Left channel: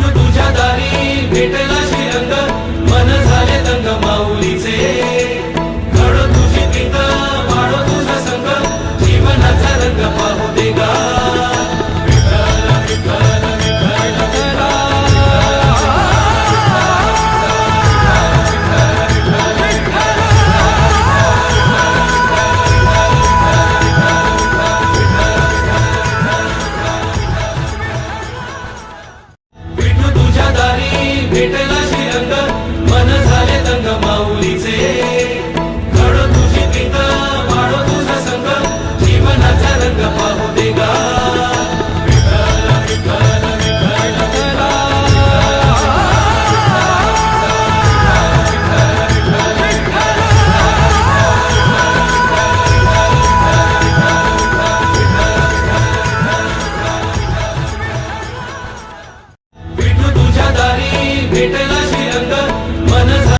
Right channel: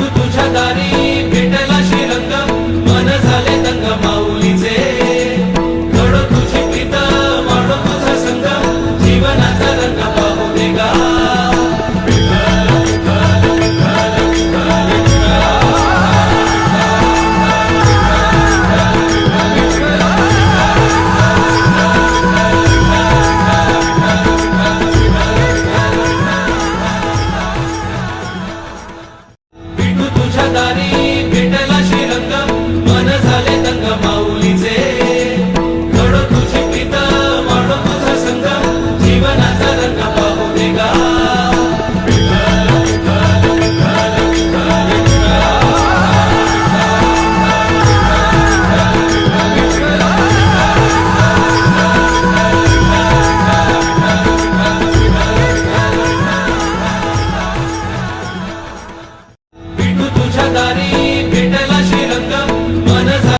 विठू तुझ्या दारी भेटला श्रीरंग, मन झाले दंग माऊलीचे. घडो तुझी प्रीत, वाढो तुझा संग, जीवनाचा रंग पाहू दे गा. विठू तुझ्या दारी भेटला श्रीरंग, मन झाले दंग माऊलीचे. घडो तुझी प्रीत, वाढो तुझा संग, जीवनाचा रंग पाहू दे गा. विठू तुझ्या दारी